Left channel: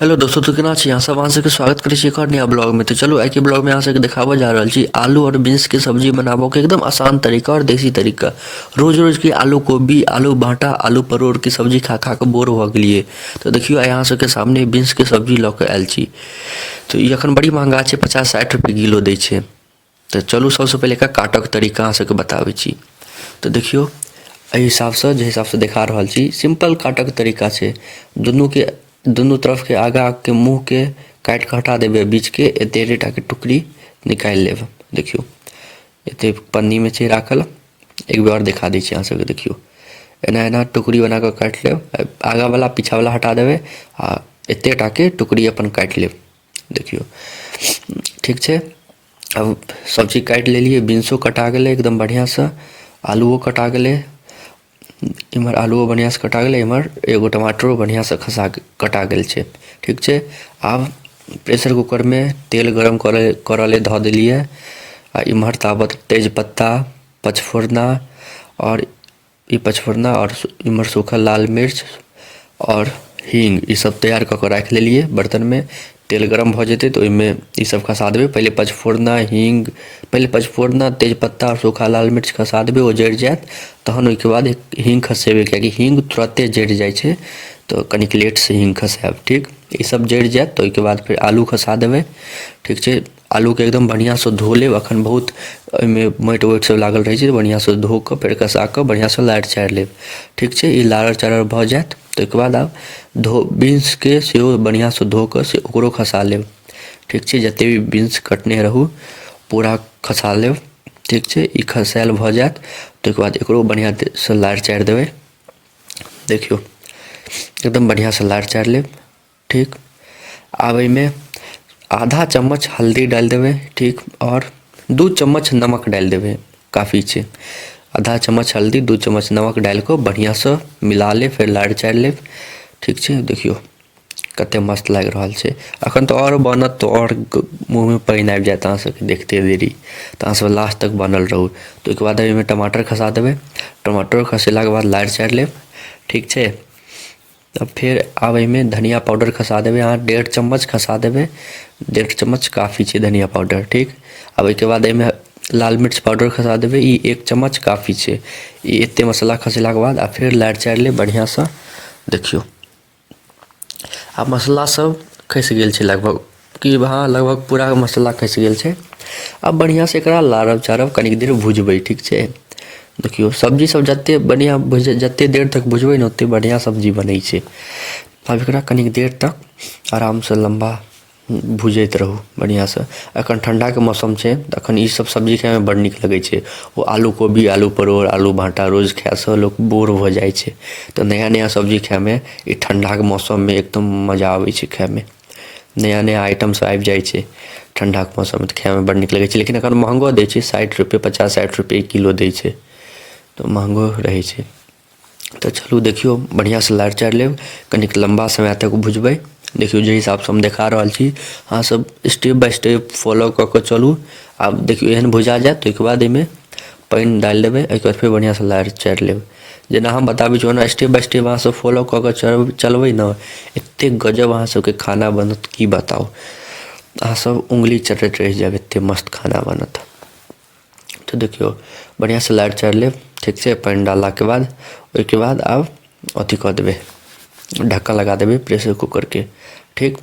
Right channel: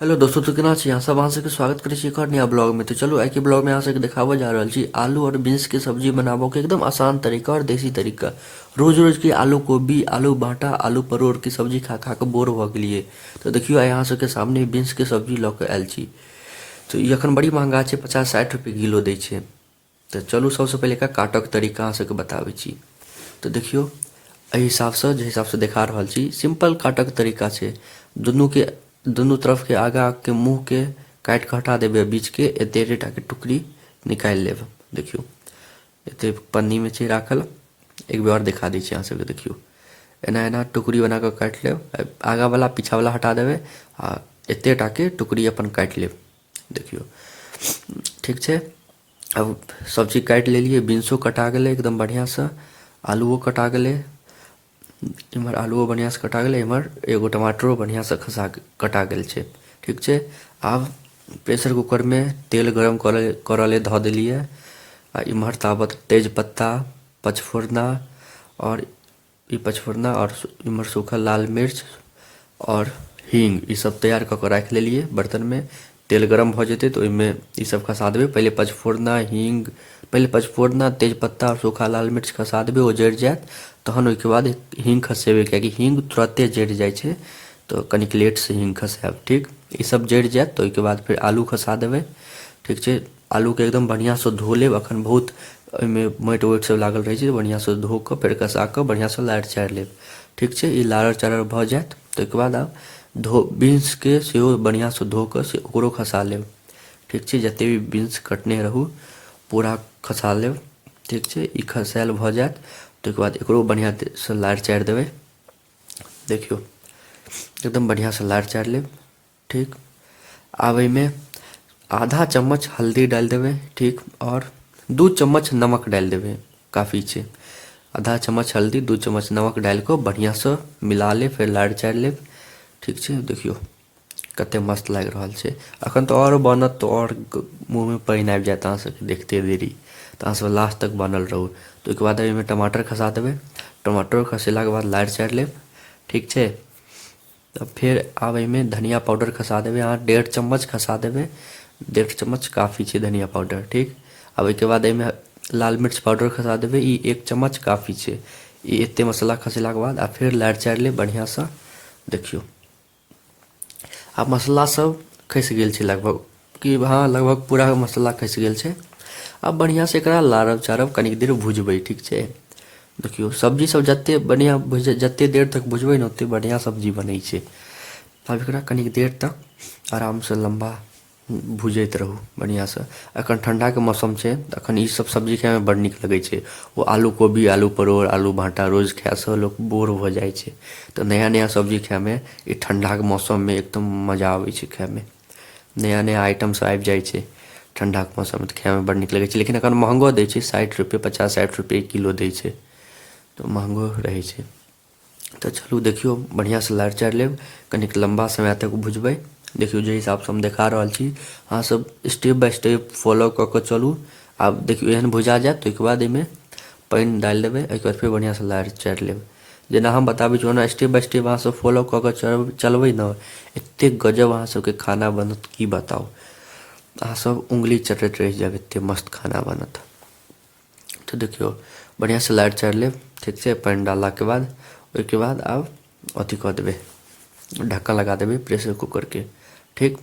Hello दोस्तों, तो केना छी अहाँ सब? अहाँ सबके स्वागत करै छी एक और नया ब्लॉग में। तो चलो आइ के ब्लॉग में अहाँ सबके देखाबऽ जा रहल छी आलू और बीन्स के सब्जी बनाबो के एकदम आसान तरीका और देसी तरीका। रोज रोज के आलू कोबी, आलू भाटा, आलू परोर के सब्जी खा खा के बोर भऽ गेलिए। तो देखियो आइ अहाँ सबके सामने बीन्स के सब्जी लऽ के आयल छी। तो ई अखन बड़ी महंगा छै, 50-60 रुपए किलो दै छै। तो चलू सबसे पहिले एकरा काटक तरीका अहाँ सबके बताबै छी। तो देखियो एहि हिसाबसँ जे हिसाबसँ देखा रहल छी सिंपल काटक तरीका छै। दुनू तरफ के आगा के मुँह के काटि के हटा देबै, बीच के एते टा के टुकड़ी निकालि लेब। देखियो एते पन्नी में छै राखल। एक बेर और दिखा दै छी अहाँ सबके। देखियो एना एना टुकड़ी बना कऽ काटि लेब, आगा वाला पीछा वाला हटा देबै आ एते टा के टुकड़ी अपन काटि लेब। देखियो ठीक छै। अब सब चीज काटि लेलिए, बीन्सो कटा गेलै एकदम बढ़िआँसँ, आलूओ कटा गेलै, इमहर आलूओ बढ़िआँसँ कटा गेलै, इमहर एगो टमाटरो बढ़िआँसँ कटा गेल छै। ठीक छै। आब प्रेशर कुकरमे तेल गरम करऽ ले धऽ देलिए आ इमहर ताबत तेजपत्ता, पचफोरना और इमहर सूखल लाल मिर्च और हींग ई सब तैयार कऽ के राखि लेलिए बर्तन में। तेल गरम भऽ जेतै तऽ ओहिमे ई सब खसा देबै। पहिले पचफोरना, तेजपत्ता और सूखा लाल मिर्च खसा देबै, ओ जरि जायत तहन ओहिके बाद हींग खसेबै, कियाकि हींग तुरंते जरि जाइ छै, तो कनिक लेटसँ हींग खसायब। ठीक, ई सब जरि जायत तऽ ओहिके बाद फेर आलू खसा देबै। ठीक छै। आलूके एकदम बढ़िआँसँ धो लेब, एखन बहुत ओहिमे माटि वाटि सब लागल रहै छै, बढ़िआँसँ धो कऽ फेर कसा कऽ बढ़िआँसँ लारि चारि लेब। ठीक छै। ई लारर चारर भऽ जायत तऽ ओहिके बाद आब बीन्सके सेहो बढ़िआँसँ धो कऽ से ओकरो खसा लेब। ठीक छै। जतेक भी बीन्स कटने रहू पूरा खसा लेब। ठीक छै। ई खसायल भऽ जायत ताहिके बाद एकरो बढ़िआँसँ लारि चारि देबै। देखियौ एकदम बढ़िआँसँ लारि चारि लेब। ठीक। आब एहिमे आधा चम्मच हल्दी डालि देबै। ठीक। और 2 चम्मच नमक डालि देबै, काफ़ी छै। आधा चम्मच हल्दी, 2 चम्मच नमक डालि कऽ बढ़िआँसँ मिला लेब, फेर लारि चारि लेब। ठीक छै। देखियौ कतेक मस्त लागि रहल छै। एखन तऽ और बनत तऽ और मुँहमे पानि आबि जायत अहाँ सबके देखते देरी, तऽ अहाँ सब लास्ट तक बनल रहू। तऽ ओहिके बाद एहिमे टमाटर खसा देबै। टमाटर खसेलाके बाद लारि चारि लेब। ठीक छै। तब फेर आब एहिमे धनिया पाउडर खसा देबै, अहाँ 1.5 चम्मच खसा देबै। 1.5 चम्मच काफ़ी छै धनिया पाउडर। ठीक। आब ओहिके बाद एहिमे लाल मिर्च पाउडर खसा देबै, ई 1 चम्मच काफ़ी छै। ई एते मसाला खसेलाके बाद आ फेर लारि चारि लेब बढ़िआँसँ। देखियौ आब मसाला सब खसि गेल छै लगभग, कि हाँ लगभग पूरा मसाला खसि गेल छै। आब बढ़िआँसँ एकरा लारब चारब, कनिक देर भुजबै। ठीक छै। देखियौ सब्जी सब जते देर तक भुजबै ने ओते बढ़िआँ सब्जी बनै छै। आब एकरा कनिक देर तक आरामसँ लम्बा भुजैत रहू बढ़िआँसँ। एखन ठण्डाके मौसम छै तऽ एखन ई सब सब्जी खाइमे बड़ नीक लगै छै। ओ आलू कोबी, आलू परोर, आलू भाँटा रोज खायसँ लोक बोर भऽ जाइ छै, तऽ नया नया सब्जी खाइमे ई ठण्डाके मौसममे एकदम मजा आबै छै खाइमे। नया नया आइटम सब आबि जाइ छै ठण्डाके मौसममे तऽ खाइमे बड़ नीक लगै छै। लेकिन एखन महँगो दै छै, 60 रुपए 50-60 रुपए किलो दै छै, तऽ महँगो रहै छै। तऽ चलू देखियौ बढ़िआँसँ लारि चारि लेब, कनिक लम्बा समय तक भुजबै। देखियौ जे हिसाबसँ हम देखा रहल छी अहाँ सब स्टेप बाय स्टेप फॉलो कऽ कऽ चलू। आब देखियौ एहन भुजा जायत तऽ ओहिके बाद एहिमे पानि डालि देबै, एहिके बाद फेर बढ़िआँसँ लारि चारि लेब। जेना हम बताबै छी ओना स्टेप बाय स्टेप अहाँ सब फॉलो कऽ कऽ चलबै ने, एतेक गजब अहाँ सबके खाना बनत की बताउ। अहाँ सब उंगली चटैत रहि जायब, एतेक मस्त खाना बनत। तो देखियौ बढ़िआँसँ लारि चारि लेब। ठीक छै। पानि डाललाके बाद ओहिके बाद आब अथी कऽ देबै, ढक्कन लगा देबै प्रेशर कुकरके। ठीक।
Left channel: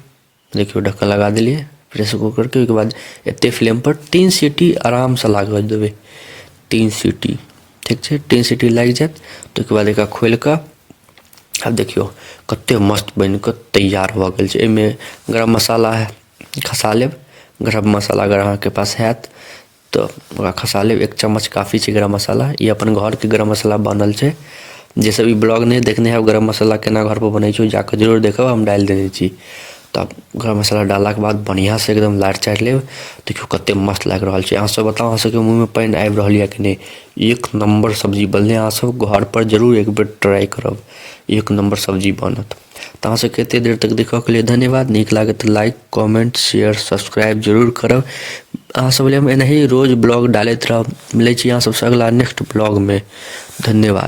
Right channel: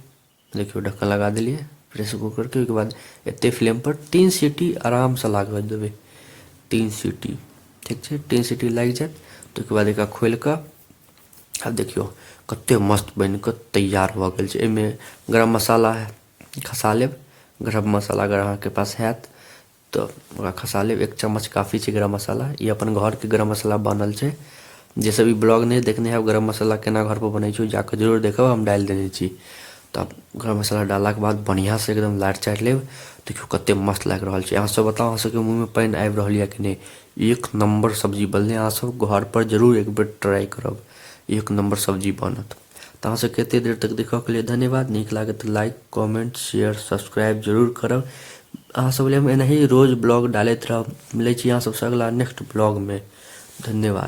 देखियौ ढक्कन लगा देलिए प्रेशर कुकरके। ओहिके बाद एतेक फ्लेमपर 3 सीटी आरामसँ लागऽ देबै, 3 सीटी। ठीक छै। 3 सीटी लागि जायत तऽ ओहिके बाद एकरा खोलि कऽ आब देखियौ कतेक मस्त बनि कऽ तैयार भऽ गेल छै। एहिमे गरम मसाला खसा लेब। गरम मसाला अगर अहाँके पास हैत तऽ ओकरा खसा लेब, 1 चम्मच काफ़ी छै गरम मसाला। ई अपन घरके गरम मसाला बनल छै। जे सब ई ब्लॉग नहि देखने हैब गरम मसाला केना घरपर बनै छै, जाकऽ जरूर देखब, हम डालि देने छी। तब गरम मसाला डाललाके बाद बढ़िआँसँ एकदम लारि चारि लेब। देखियौ कतेक मस्त लागि रहल छै। अहाँ सब बताउ अहाँ सबके मुँहमे पानि आबि रहल यऽ कि नहि? एक नम्बर सब्जी बनलै। अहाँ सब घरपर जरूर एक बेर ट्राई करब, एक नम्बर सब्जी बनत। तऽ अहाँ सबके एतेक देर तक देखऽके लिए धन्यवाद। नीक लागत तऽ लाइक, कमेंट, शेयर, सब्सक्राइब जरूर करब। अहाँ सब लेल हम एनाही रोज ब्लॉग डालैत रहब। मिलै छी अहाँ सबसँ अगला नेक्स्ट ब्लॉगमे। धन्यवाद।